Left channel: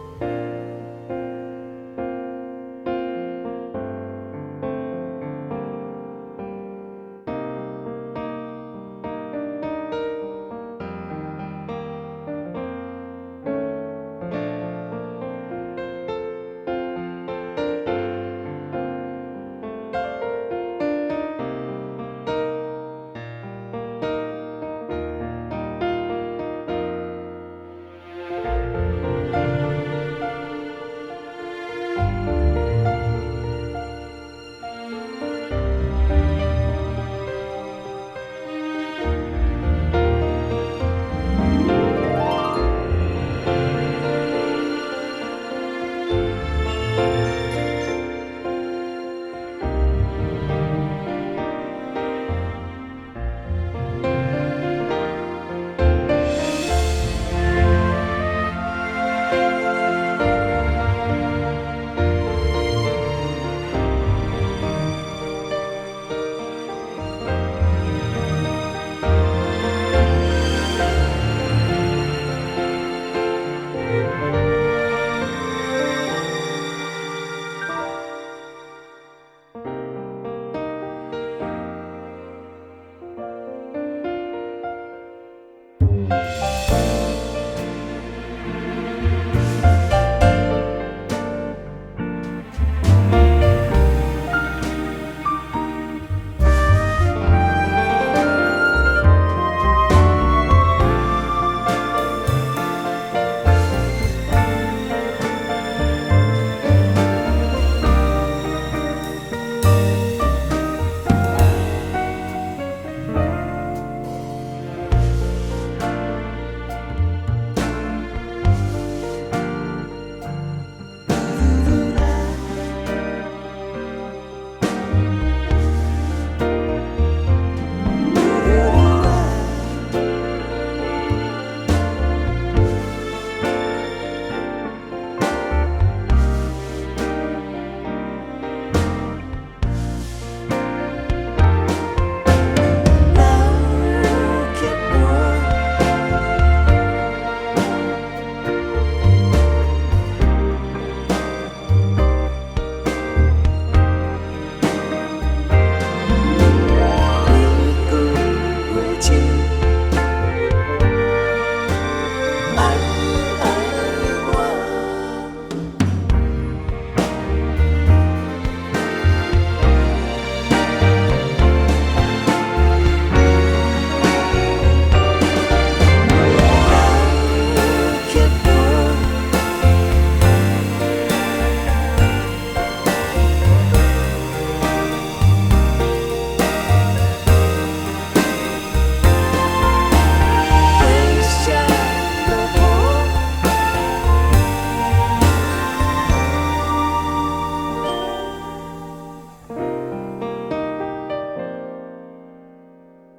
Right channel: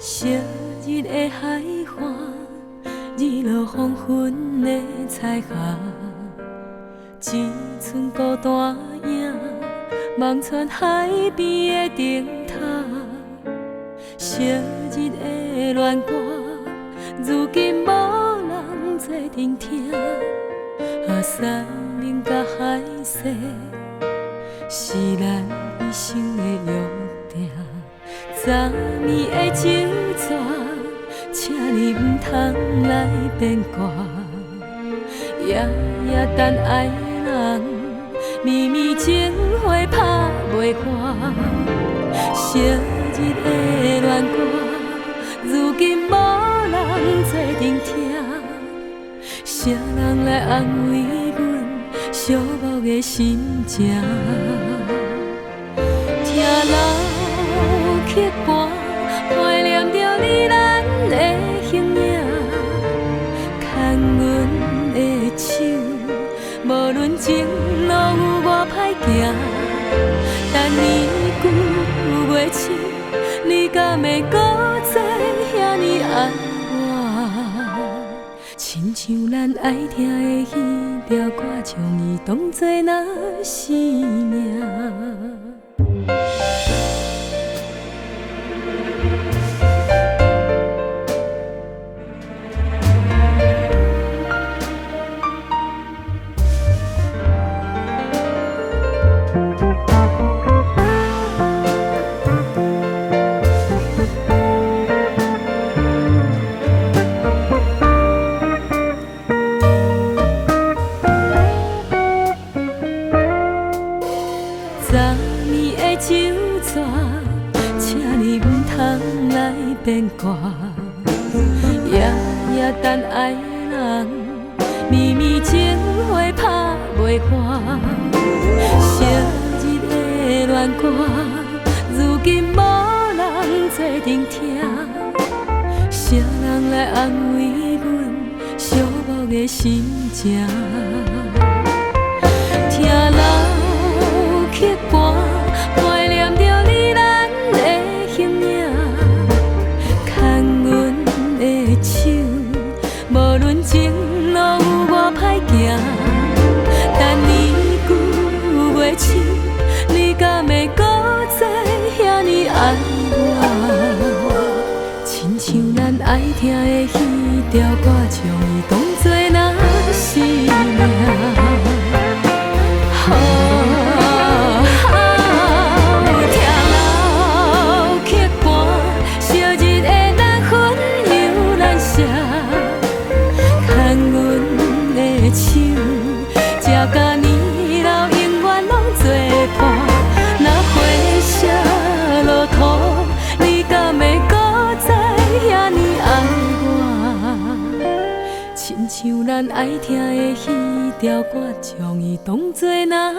昔日的海花，日落黄昏的彩霞，一寸孤单影，望穿海边的灯塔。昔日的恋歌，如今无人做聆听。山林甲海誓，是咱一生的约定。昨暝的酒泉，请你唔通来变卦。夜夜等爱人，绵绵情花拍袂破。昔日的恋歌，如今无人做聆听。谁人来安慰阮寂寞的心情？听老曲歌，怀念着你咱的形影。牵阮的手，无论前路有偌歹行。但年久月深，你敢会搁再遐尼爱我？亲像咱爱听的迄条歌，将伊当作那生命。酒泉，请你唔通来变卦。夜夜等爱人，绵绵情花拍袂破。昔日的恋歌，如今无人做聆听。谁人来安慰阮寂寞的心情？你敢会搁再遐尼爱我？亲像咱爱听的迄条歌，将伊当作那生命。听老曲伴，昔日的咱分忧难舍，牵阮的手，这甲年。像咱爱听的迄条歌，将伊当作那